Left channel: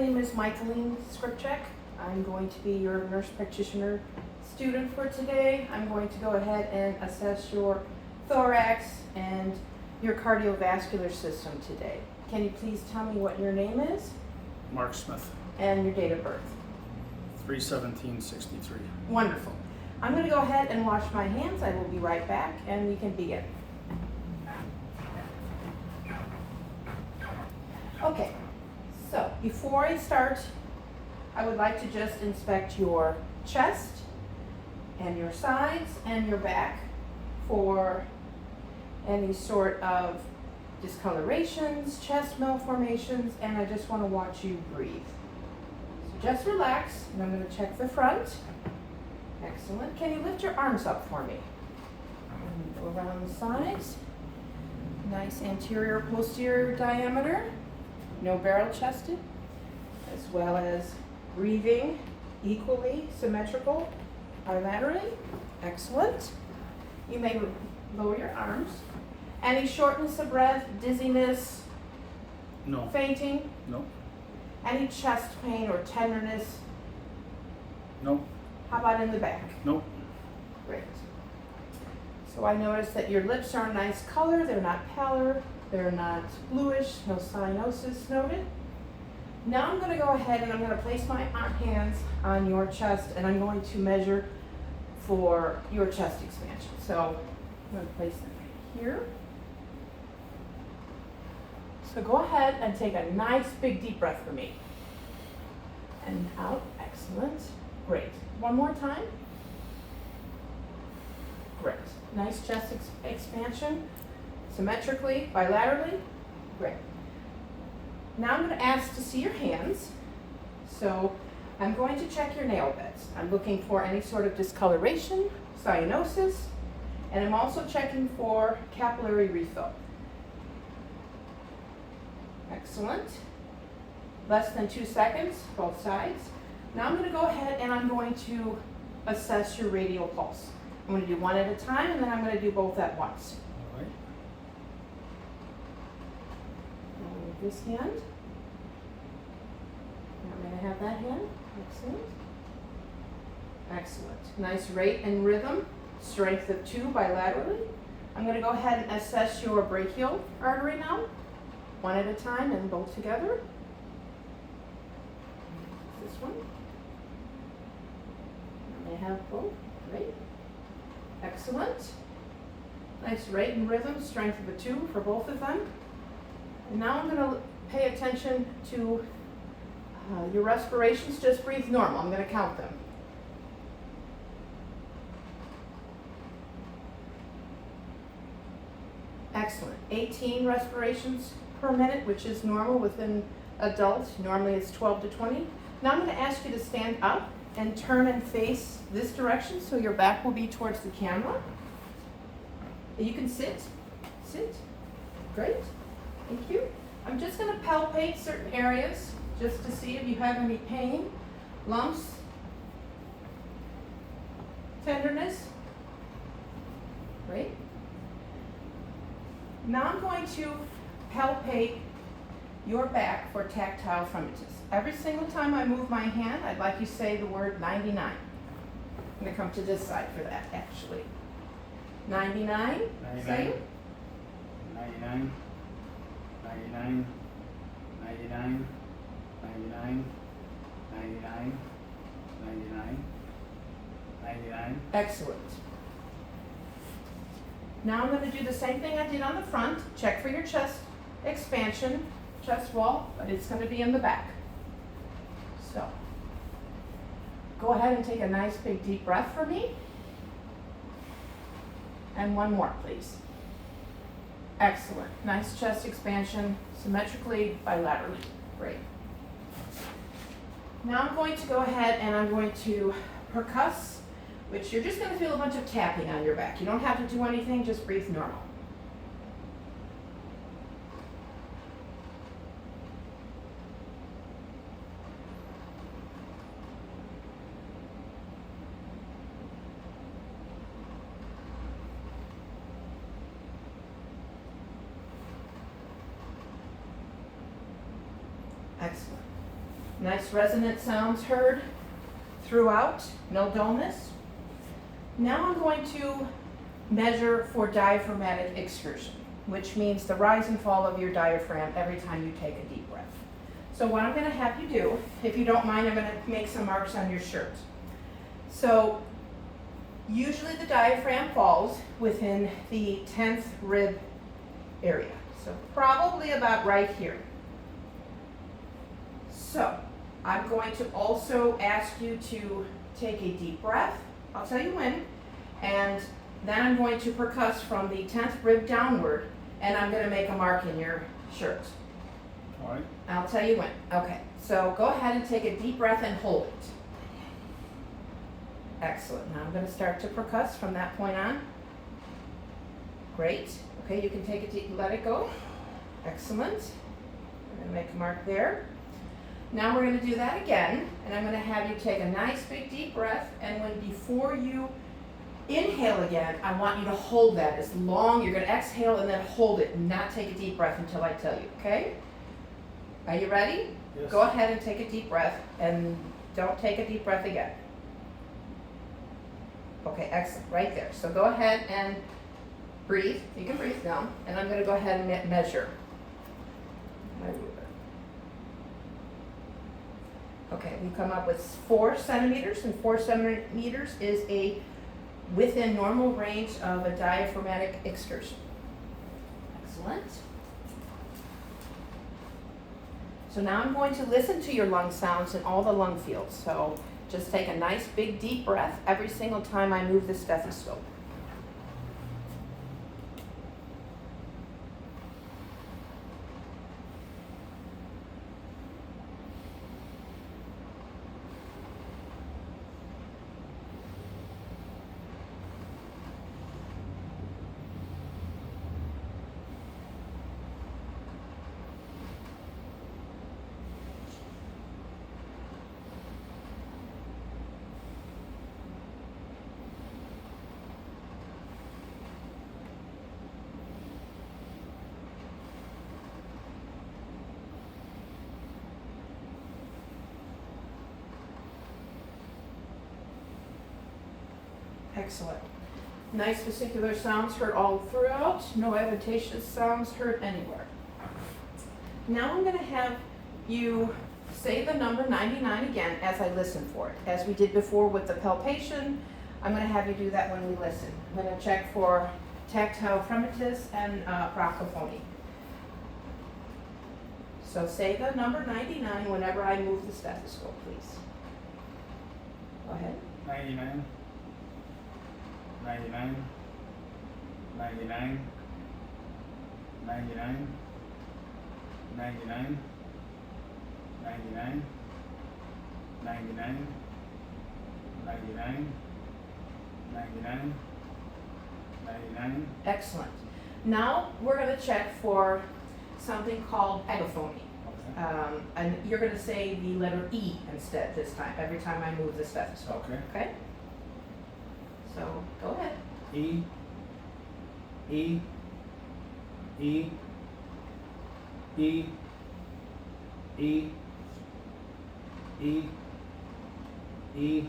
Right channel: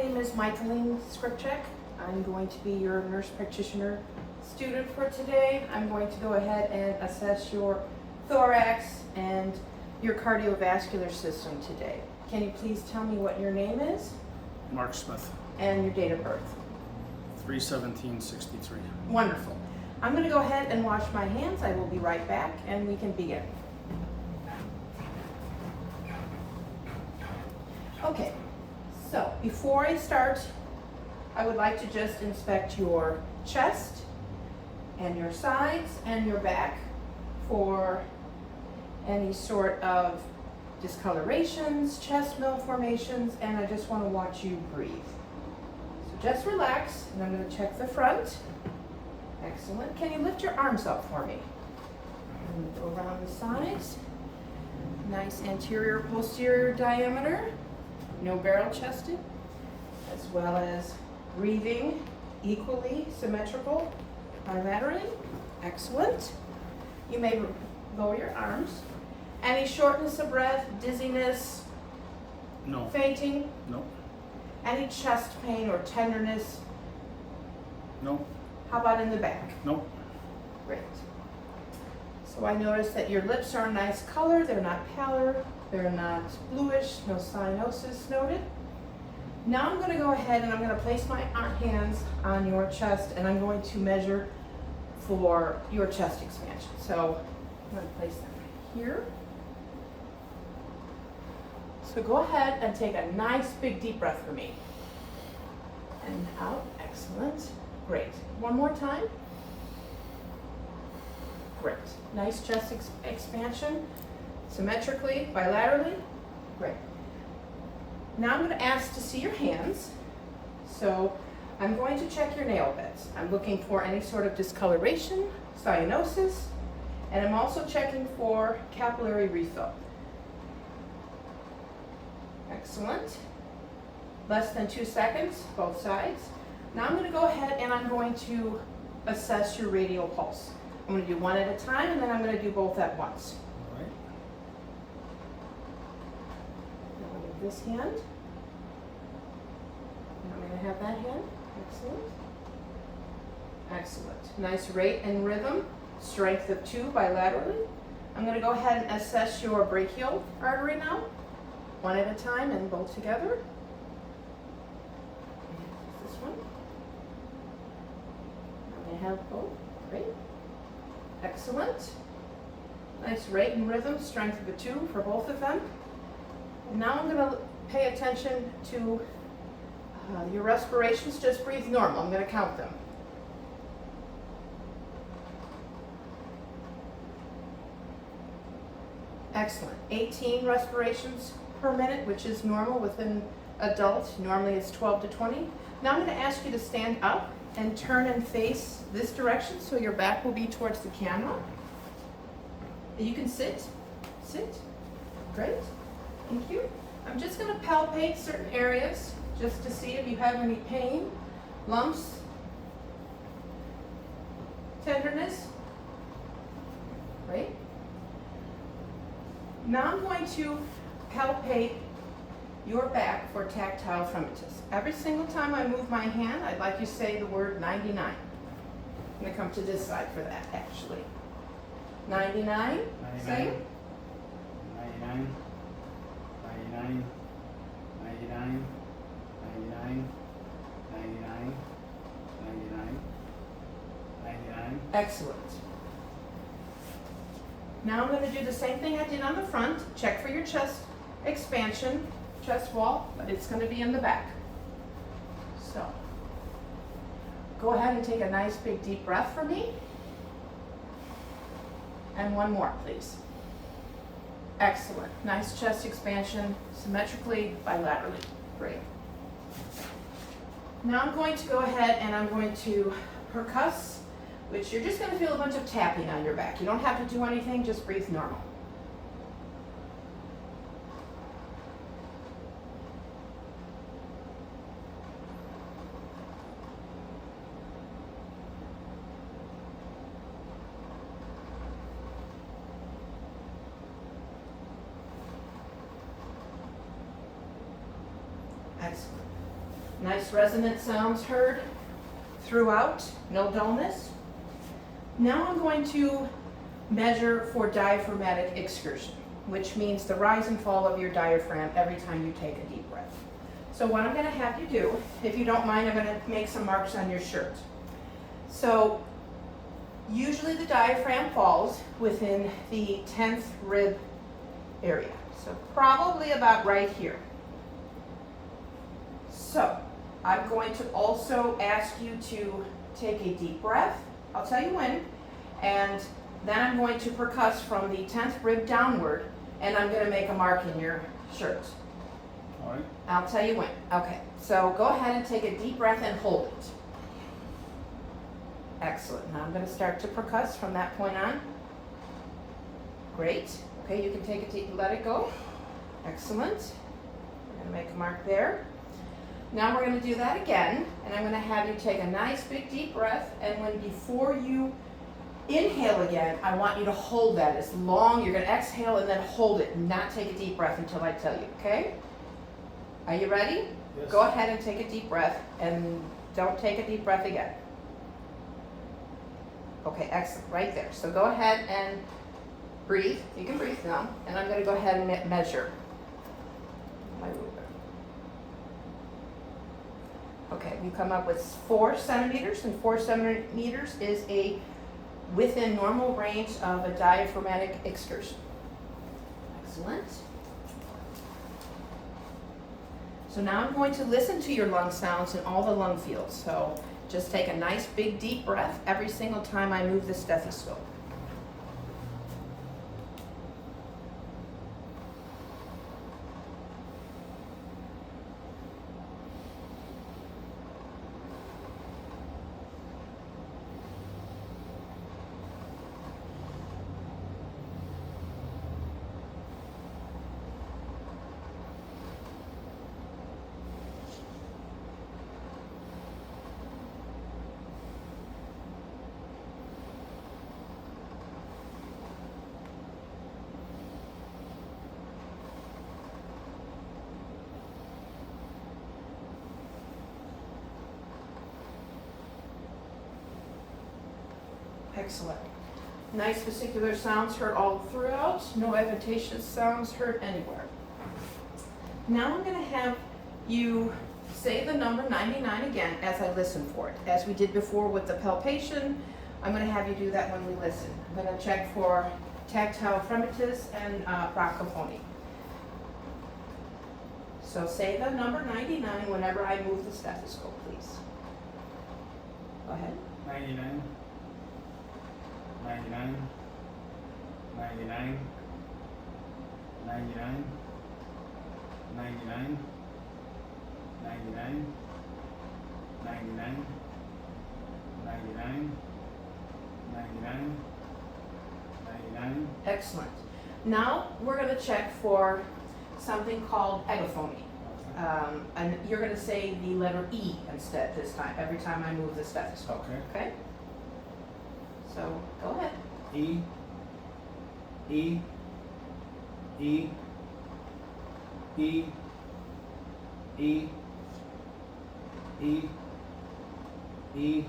name is Michaeline Skripchek. I'm going to be your nurse practitioner student for today. I'm going to go ahead and assess your thorax and your cardiovascular system today. Can you please tell me what your name is? Mark Smith, And your date of birth. 3/17/63. Wonderful. I'm going to go ahead and wash my hands. I will be right back and we can begin. Okay, so before I start, I would like to just inspect your chest and your sides and your back for any sort of discolorations, chest malformations, and I just want to watch you breathe. So just relax, and I'm going to check the front. Excellent. Can you lift your arms up for me? And go around the sides. Nice anterior, posterior diameter. No barrel chested, as well as breathing equally symmetrical bilaterally. Excellent. You may lower your arms. Any shortness of breath, dizziness, No. fainting? No. Any chest pain or tenderness? No. How about in the back? No. Great. So I notice that your lips are a nice color. They're not pallor. They're not bluish. No cyanosis noted. Now I'm going to go ahead and I'm going to place my hands on your chest and I'm going to measure for your chest expansion. So I'm going to place them right here. So go ahead and take a nice big deep breath for me. And out. Excellent. Great. One more time. Great. Nice chest expansion. Symmetrically, bilaterally. Great. Now I'm going to ask to see your hands. So I'm going to check your nail beds. I'm looking for any sort of discoloration, cyanosis, and I'm also checking for capillary refill. Excellent. Less than 2 seconds, both sides. Now I'm going to go ahead and I'm going to assess your radial pulse. I'm going to do one at a time and then I'm going to do both at once. All right. Now with this hand. I'm going to have that hand. Excellent. Excellent. Nice rate and rhythm. Strength of 2 bilaterally. I'm going to go ahead and assess your brachial artery now. One at a time and both together. This one. I'm going to have both. Great. Excellent. Nice rate and rhythm. Strength of a 2 for both of them. And now I'm going to pay attention to your respirations. Just breathe normal. I'm going to count them. Excellent. 18 respirations per minute, which is normal within adults. Normally it's 12 to 20. Now I'm going to ask you to stand up and turn and face this direction so your back will be towards the camera. You can sit. Sit. Great. Thank you. I'm just going to palpate certain areas just to see if you have any pain, lumps, tenderness. Great. Now I'm going to palpate your back for tactile fremitus. Every single time I move my hand, I'd like you to say the word 99. I'm going to come to this side for that, actually. 99. Say it. 99. 99. 99. 99. 99. 99. 99. Excellent. Now I'm going to do the same thing I did on the front. Check for your chest expansion, chest wall, but it's going to be in the back. So, go ahead and take a nice big deep breath for me. And one more, please. Excellent. Nice chest expansion, symmetrically, bilaterally. Great. Now I'm going to go ahead and I'm going to percuss, which you're just going to feel a bunch of tapping on your back. You don't have to do anything, just breathe normal. Excellent. Nice resonant sounds heard throughout, no dullness. Now I'm going to measure for diaphragmatic excursion, which means the rise and fall of your diaphragm every time you take a deep breath. So what I'm gonna have you do, if you don't mind, I'm gonna make some marks on your shirt. So usually the diaphragm falls within the 10th rib area. So probably about right here. So I'm going to also ask you to take a deep breath. I'll tell you when. And then I'm going to percuss from the 10th rib downward, and I'm going to make a mark in your shirt. All right. I'll tell you when. Okay, so go ahead and take a deep breath and hold it. Excellent. Now I'm going to start to percuss from that point on. Great. Okay, you can take it deep, let it go. Excellent. We're going to make a mark there. Now we're going to do that again, and I'm going to have you take a nice big deep breath, and before you inhale again, I want you to hold that as long. You're going to exhale and then hold it, and not take a deep breath until I tell you, okay? Are you ready? Yes. Go ahead and take a deep breath, and don't take a deep breath again. Okay, excellent, right there. So go ahead and breathe. You can breathe now, and I'm going to go ahead and measure my ruler. Okay, we come up with 4 centimeters, and 4 centimeters is a within normal range of a diaphragmatic excursion. Excellent. So now I'm going to listen to your lung sounds and all the lung fields. So just take a nice big deep breath every single time I move the stethoscope. Excellent. Nice vesicular sounds heard all throughout. No adventitious sounds heard anywhere. Now I'm going to have you say the number 99 again as I listen for it. As we did before with the palpation, I'm going to have you do that when we listen. I'm going to check for tactile fremitus and procophonia. So say the number 99 whenever I move the stethoscope, please. Go ahead. 99. 99. 99. 99. 99. 99. 99. 99. 99. 99. Excellent. Now we're going to check for something called egophony. Okay. And you're going to say the letter E instead this time, every time I move the stethoscope. Okay. Okay? So go ahead. E. E. E. E. E. E. E.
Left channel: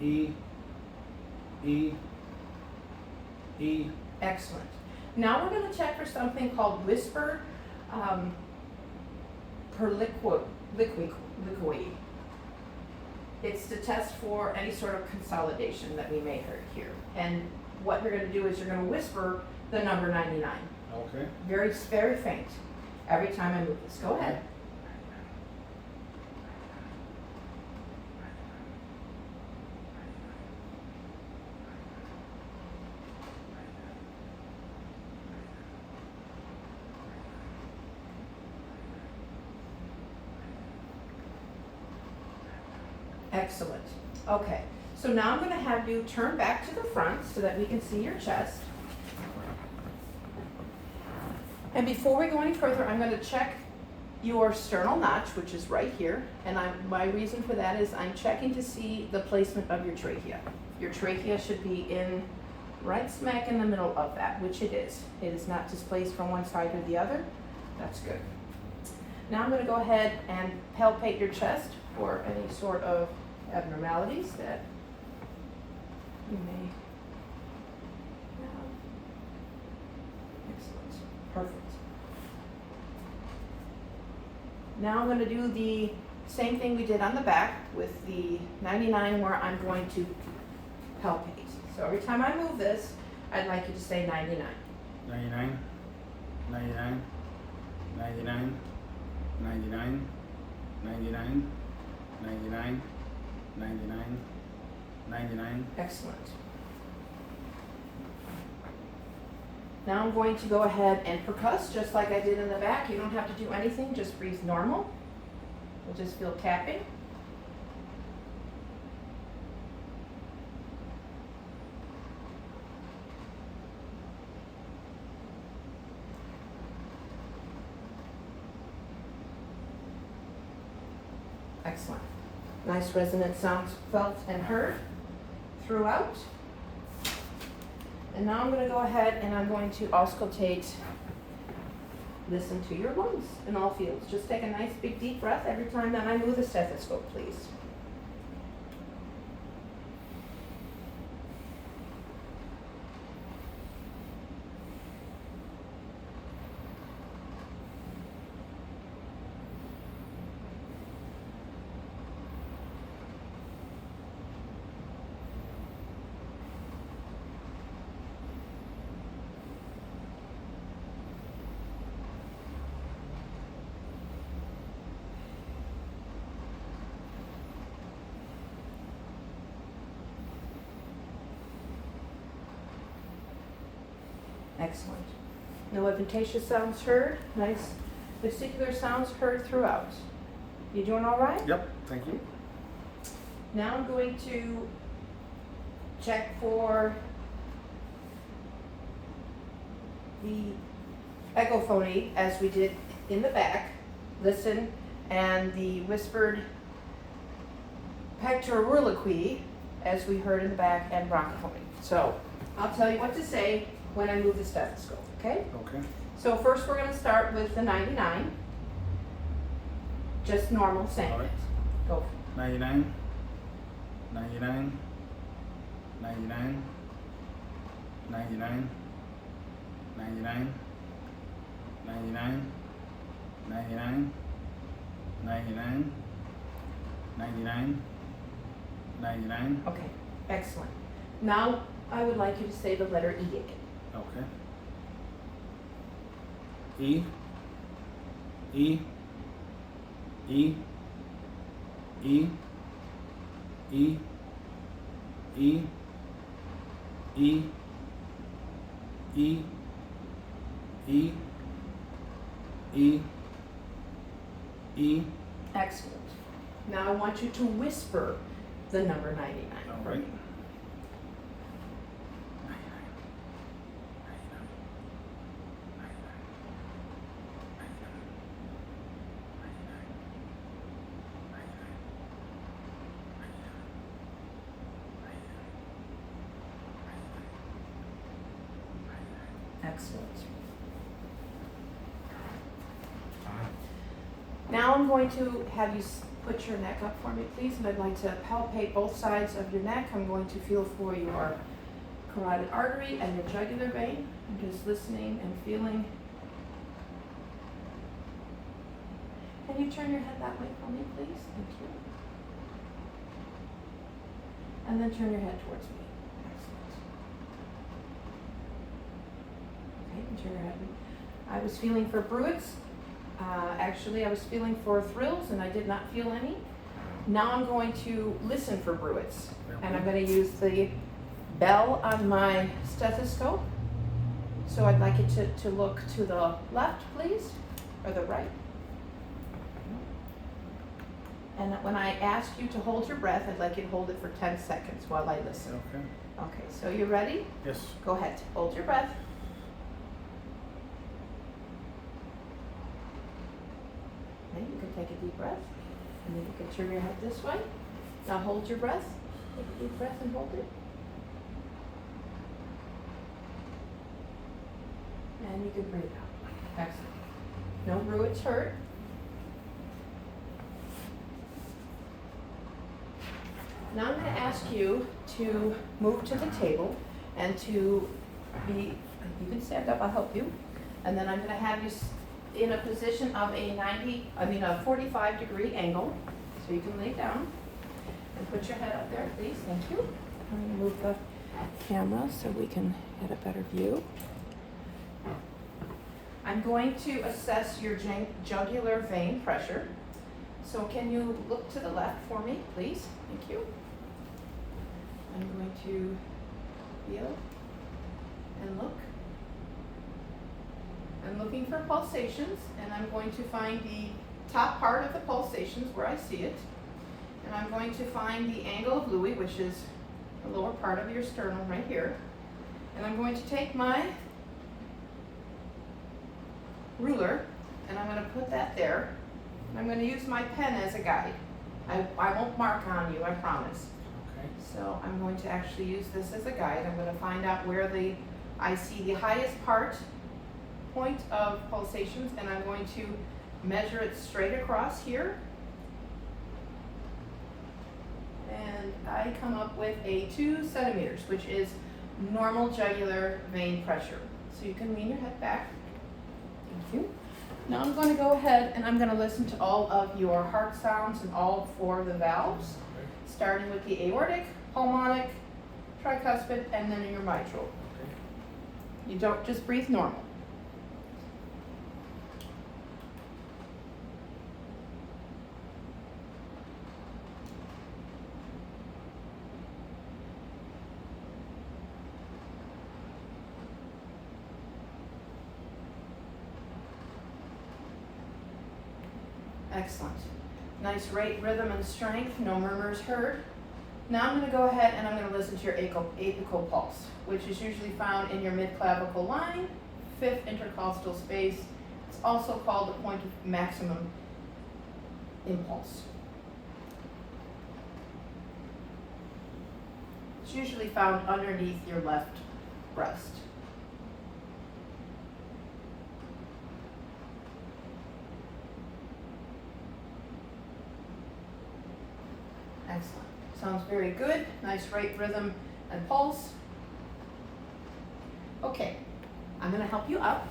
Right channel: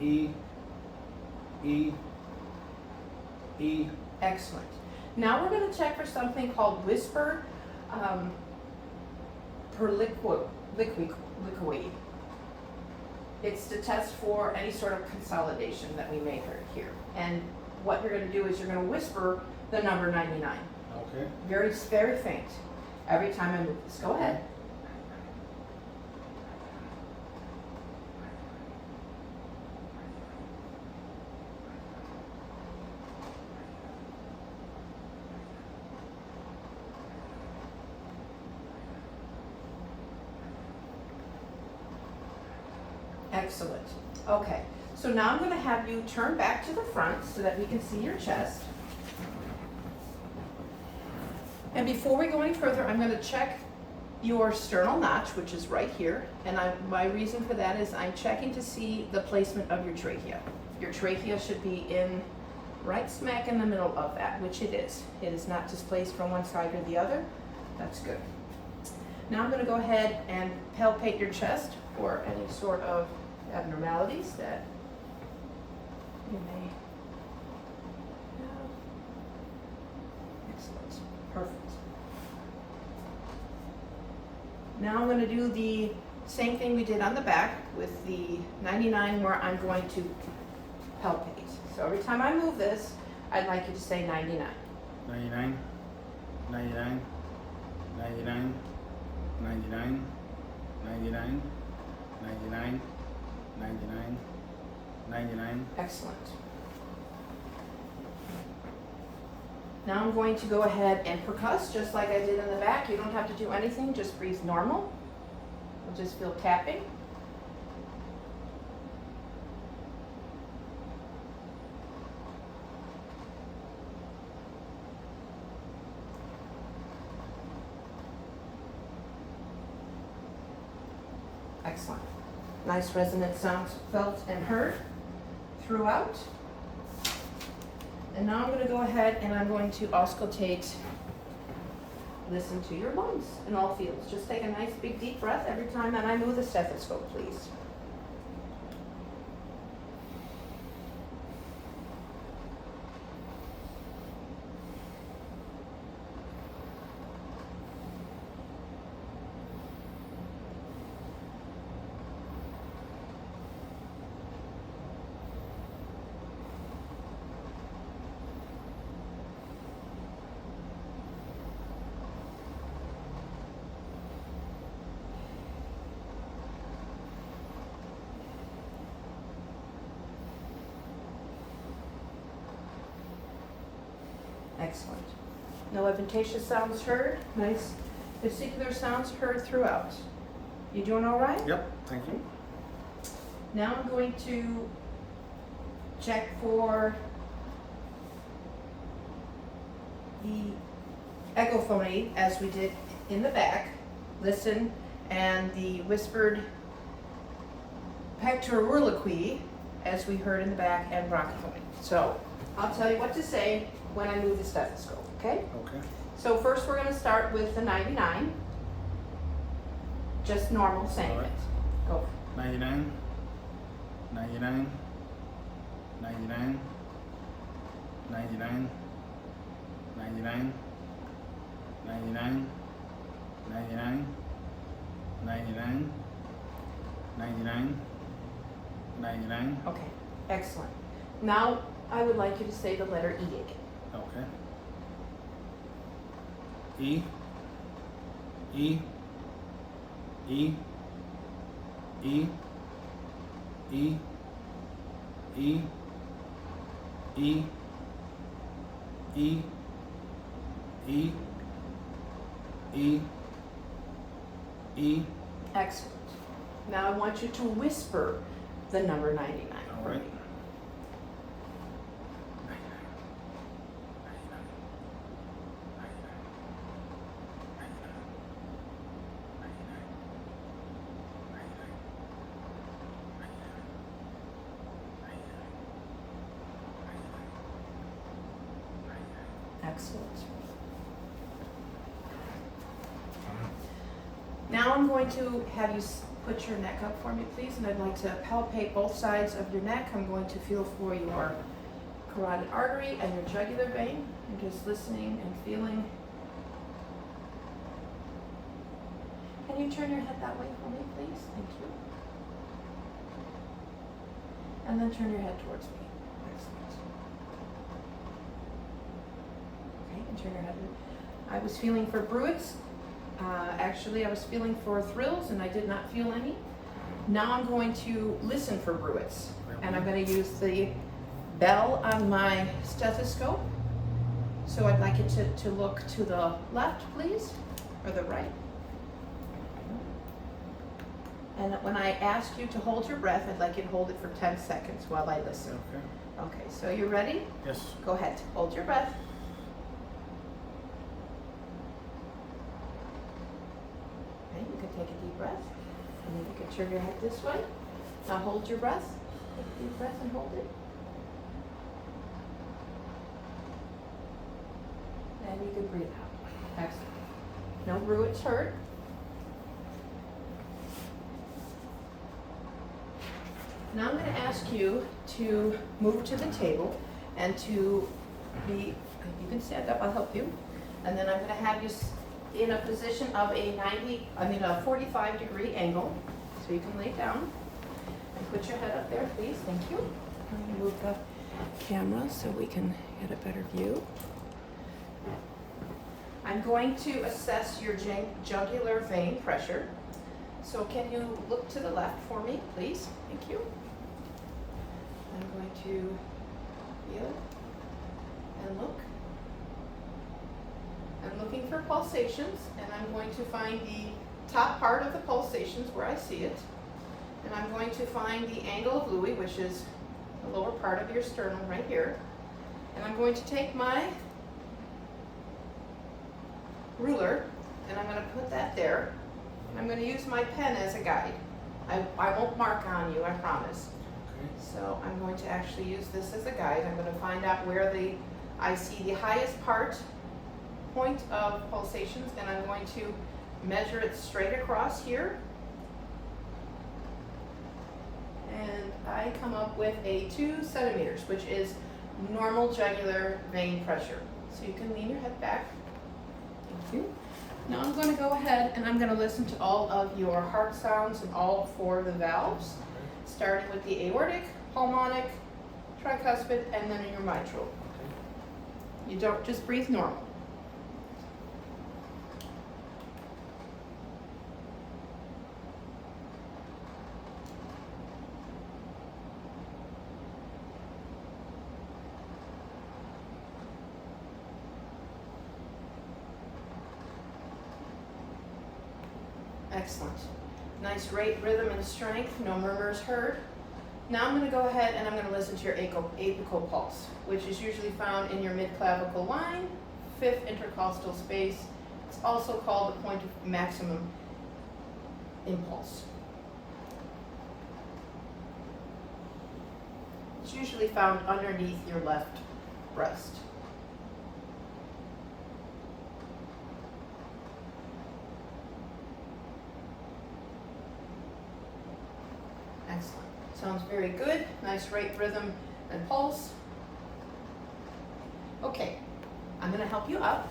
E. E. E. Excellent. Now we're going to check for something called whisper per liquid. It's to test for any sort of consolidation that we may hear. And what you're going to do is you're going to whisper the number 99. Okay. Very, very faint. Every time I move this. Go ahead. Excellent. Okay, so now I'm going to have you turn back to the front so that we can see your chest. And before we go any further, I'm going to check your sternal notch, which is right here. And my reason for that is I'm checking to see the placement of your trachea. Your trachea should be in right smack in the middle of that, which it is. It is not displaced from one side or the other. That's good. Now I'm going to go ahead and palpate your chest for any sort of abnormalities that you may have. Excellent. Perfect. Now I'm going to do the same thing we did on the back with the 99, where I'm going to palpate. So every time I move this, I'd like you to say 99. 99, 99, 99, 99, 99, 99, 99, 99. Excellent. Now I'm going to go ahead and percuss just like I did in the back. You don't have to do anything, just breathe normal. We'll just feel capping. Excellent. Nice resonant sounds felt and heard throughout. And now I'm going to go ahead and I'm going to auscultate, listen to your lungs in all fields. Just take a nice big deep breath every time that I move the stethoscope, please. Excellent. No adventitious sounds heard. Nice vesicular sounds heard throughout. You doing all right? Yep, thank you. Now I'm going to check for the echophony as we did in the back. Listen, and the whispered pectoraliloquy as we heard in the back, and bronchophony. So I'll tell you what to say when I move the stethoscope, okay? Okay. So first we're going to start with the 99. Just normal saying All right. it. Go. 99, 99, 99, 99, 99, 99, 99, 99, 99, 99. Okay, excellent. Now I would like you to say the letter E again. Okay. E, E, E, E, E, E, E, E, E, E, E. Excellent. Now I want you to whisper the number 99. All right. 99. Excellent. Now I'm going to have you put your neck up for me, please, and I'd like to palpate both sides of your neck. I'm going to feel for your carotid artery and your jugular vein. I'm just listening and feeling. Can you turn your head that way for me, please? Thank you. And then turn your head towards me. Excellent. Okay, and turn your head. I was feeling for bruits. Actually, I was feeling for thrills and I did not feel any. Now I'm going to listen for bruits. And I'm going to use the bell on my stethoscope. So I'd like it to look to the left, please, or the right. And when I ask you to hold your breath, I'd like you to hold it for 10 seconds while I listen. Okay. Okay, so you ready? Yes. Go ahead, hold your breath. Okay, you can take a deep breath, and then you can turn your head this way. Now hold your breath. Take a deep breath and hold it. And you can breathe out. Excellent. No bruits heard. Now I'm going to ask you to move to the table and to be, you can stand up, I'll help you. And then I'm going to have you in a position of a 45-degree angle. So you can lay down and put your head up there, please. Thank you. I'm going to move the camera so we can get a better view. I'm going to assess your jugular vein pressure. So can you look to the left for me, please? Thank you. I'm going to feel and look. I'm looking for pulsations, and I'm going to find the top part of the pulsations where I see it. And I'm going to find the angle of Louis, which is the lower part of your sternum right here. And I'm going to take my ruler, and I'm going to put that there. And I'm going to use my pen as a guide. I won't mark on you, I promise. Okay. So I'm going to actually use this as a guide. I'm going to find out where I see the highest point of pulsations, and I'm going to measure it straight across here. And I come up with a 2 centimeters, which is normal jugular vein pressure. So you can lean your head back. Thank you. Now I'm going to go ahead and I'm going to listen to all of your heart sounds and all 4 of the valves, starting with the aortic, pulmonic, tricuspid, and then your mitral. Okay. You don't just breathe normal. Excellent. Nice rate, rhythm, and strength. No murmurs heard. Now I'm going to go ahead and I'm going to listen to your apical pulse, which is usually found in your mid-clavicle line, 5th intercostal space. It's also called the point of maximum impulse. It's usually found underneath your left breast. Excellent. Sounds very good. Nice rate, rhythm, and pulse. Okay, I'm going to help you up.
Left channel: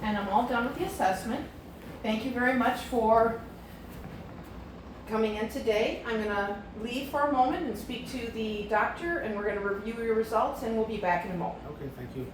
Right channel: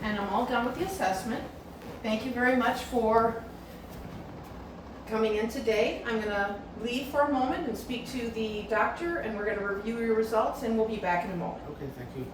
And I'm all done with the assessment. Thank you very much for coming in today. I'm going to leave for a moment and speak to the doctor, and we're going to review your results, and we'll be back in a moment. Okay, thank you.